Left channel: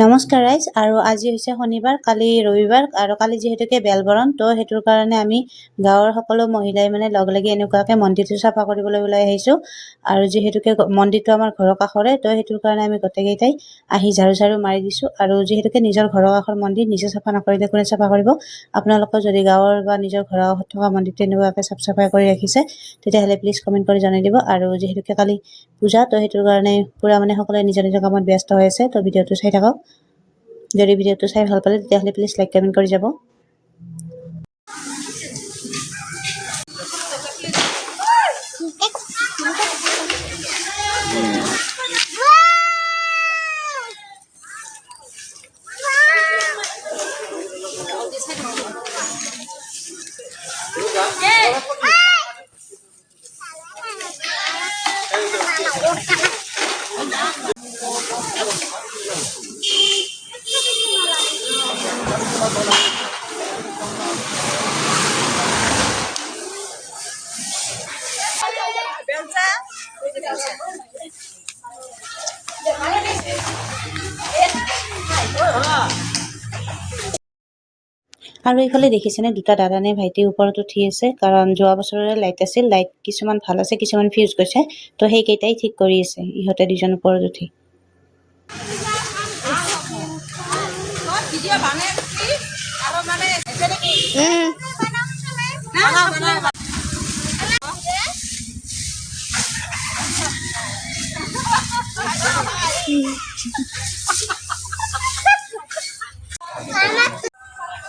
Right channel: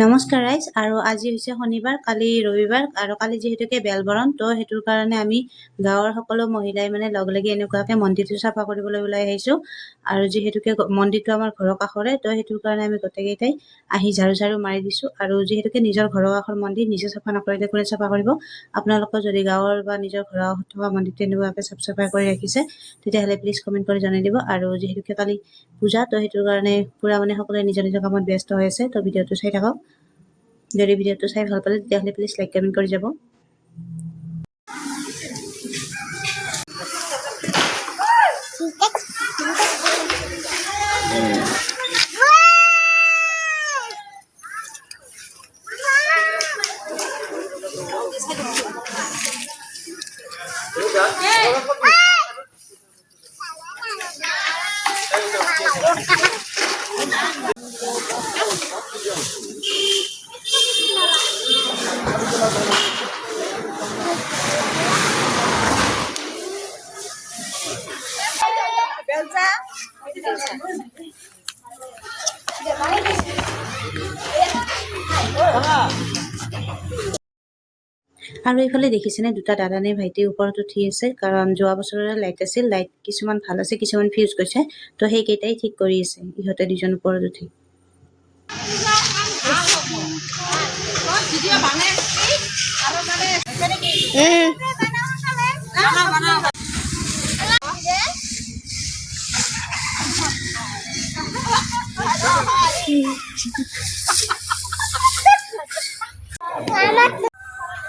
নমস্কাৰ ৰাইজ। আৰু আজি হৈছে শনিবাৰ, কালি ৰবিবাৰ আৰু কালি যিহেতুকে বেলবৰণ, তো সেইটোৰ কাৰণে আমি গাঁৱৰ সকলো মহিলাই মানে লগ লাগি এনেকুৱাকৈ মন্দিৰটো চাফা কৰিবলৈ ওলাই আহিছোঁ। আৰু যিহেতুকে মন্দিৰটো আমাৰ ঘৰৰ কাষৰে, তো সেইটোৰ কাৰণে আমি গোটেইকেইটাই আহি ঝাৰু মাৰি দিছোঁ। আৰু যিহেতুকে নিজৰ ঘৰৰ কাষৰ মন্দিৰ নিজে চাফা নকৰিলে কোনে চাফা কৰিব। আপোনালোকৰ যদি গাঁৱৰ বা নিজৰ ঘৰৰ কাষত থকা মন্দিৰটো এনেকুৱাকৈ চাফ চাফাই কৰি ৰাখিছে, তেতিয়াহ'লে প্লিজ কমেণ্ট কৰি জনাই দিব। আৰু যিহেতুকে কালি পূজা, তো সেইটোৰ কাৰণে পূৰা মানে সকলোৱে নিজৰ নিজৰ কামত ব্যস্ত হৈ আছে। তো ভিডিঅ'টো চাই থাকক। যদি ভিডিঅ'টো চাই ভাল পালে তেতিয়াহ'লে প্লিজ লাইক কমেণ্ট কৰি যাব। আৰু এইফালে দেখিছেনে, দুটা দাদা নে ভাইটি ওপৰত উঠি আছে, কাৰণ যোৱা বছৰৰে লাইট আছিল। লাইট কিছুমান ভাল আছে, কিছুমান ফিউজ গৈছে, তো সেইকেইটাই ঠিক কৰি আছে ইহঁতে দুজন ওপৰত উঠি।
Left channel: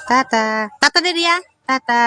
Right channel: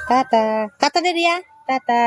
টাটা টাটা দে ৰিয়া, টাটা।